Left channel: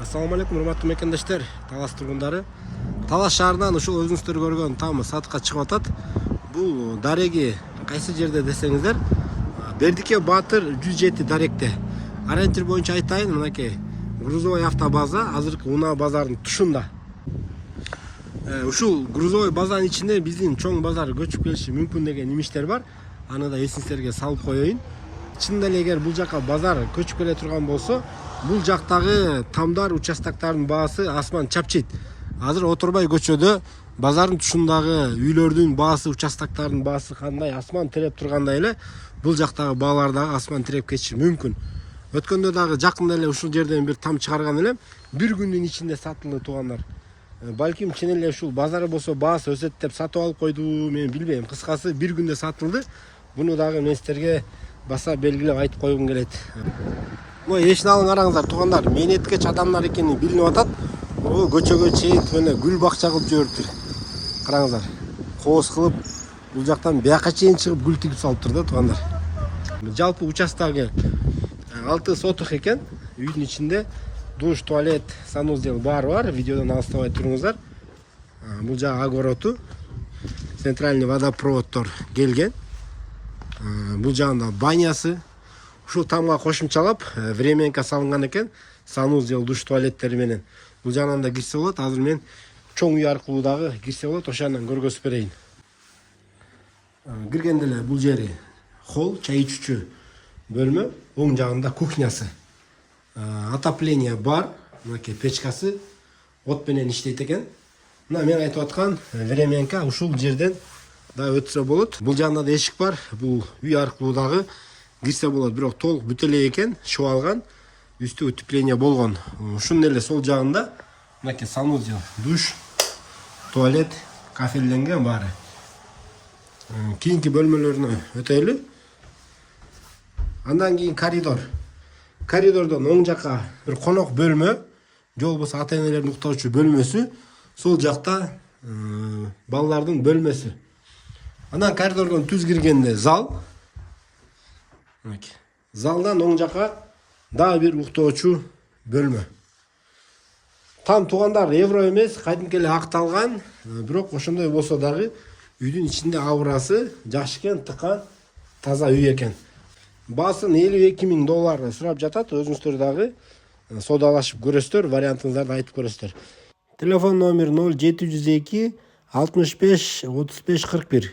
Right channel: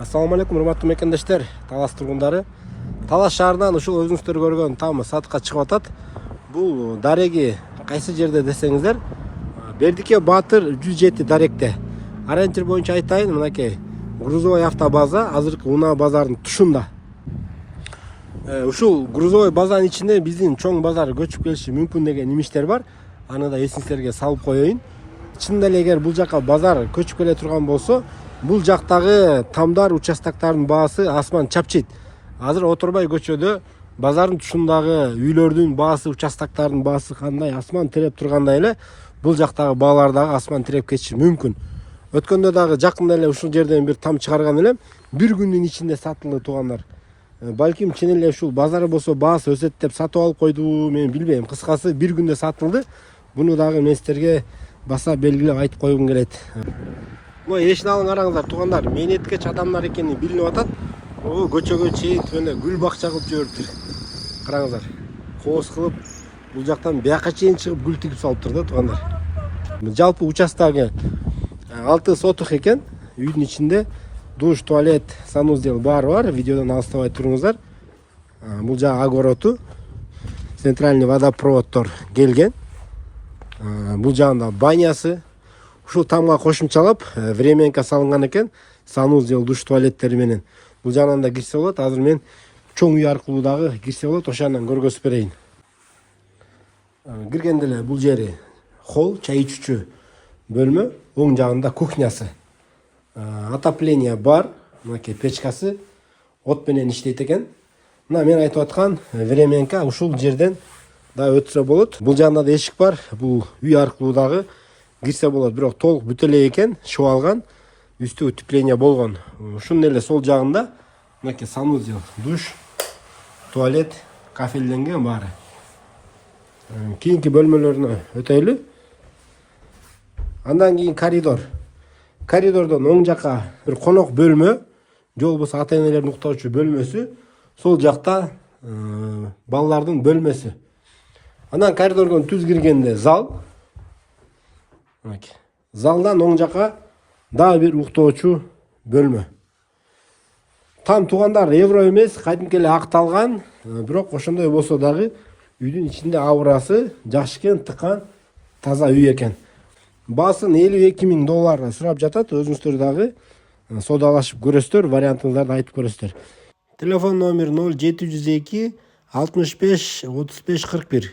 Assalamu alaikum, урматтуу мекендештер, Талас тургундары. Талас шаарынан ушул өзүңүздөр көргөн там сатыкка чыгып атат. Бул дареги кайсы жерде десеңиздер, Бердике Батыр 107 даректе. Ориентир боюнча айтайын, мынакей грузовой автобаза азыркы Унаа базарынын тушунда. Ушул грузовой базанын ичинде биздин чоң базар көчүп келиши мүмкүн деген имиштер бар. Аны да эсиңиздерге салып коеюн. Чындап эле эгер бул жака базар көчүп келе турган болсо, бул жактагы тамдар участоктардын баасы асман чапчыйт. Азыр Отурбай көчөдө базардын тушундагы үйлөрдүн баасы, участоктардын баасы кандай асман тиреп тургандай эле бул жактагы баалар дагы асман тиреп кетиши мүмкүн. Өткөндө дагы жакында эле ушул жерден бир там чыгарган элем. Бир күндүн ичинде сатылды туугандар. Балким чын эле ушул базар болсо баасы өсөт деп сатып алып койду, мен билбейм. Кыскасы бир күндө сатылды. Буну дагы мен силерге баса белгилеп айтып койгум келет. Мына эшин алың караңыздар туугандар, мээнеткеч адамдар экени билинип атат. Көчөгө чейин мына гүл бакча кылып жибериптир. Караңыздар. Кооз кылып бул жактан бияка чейин чыгып гүл тигип салыптыр да туугандар. Жалпы участогу 6 соток экен. Үйдүн ичинде душ, туалет, санузел баары бар. Видеодон алыстабай туруңуздар. Бул жагы огороту, центральный водопроводдор келген. Бул жагында банясы. Ушул тамга кошумчалап временка салынган экен. Санузел, душ, туалеттери менен. Бул жагынан да кирсе болот. Азыр мен чоң үй аркылуу дагы кирсе болот. Ошондон көргөзүп берейин. Киргенде эле бул жери холл, чай ичүүчү бөлмө, оң жагында кухнясы. Отопление бар, мынакей печкасы от менен иштейт экен. Мына мен айтып аткан временка ушул жерден да өтсө болот. Бул жагында да эшик бар. Бул үй аркылуу дагы кирсе болот. Бирок толук бүтө эле экен, шоо алган, үстү утепление болгон. Ушунун эле сол жагында мынакей санузел, душ, туалет, кафелленген баары. Кийинки бөлмөлөрүнө өтөйлү. Андан кийин коридор. Коридордон оң жакка бир конок бөлмө, же болбосо ата-энелердин уктоочу бөлмөсү, сол жакта балдардын бөлмөсү. Андан коридордон түз киргенде зал. Залдан оң жакка дагы бир уктоочу бөлмө. Там туугандар евро эмес, кадимки эле акталган, бирок ошондой болсо дагы үйдүн ичинде аурасы жакшы экен, тыкан, таза үй экен. Баасын $52,000 сурап жатат. Өзүңүздөр дагы соодалашып көрөсүздөр, вариантыңыздарды айтып көрөсүздөр. Телефон номер 0702 65 35 41.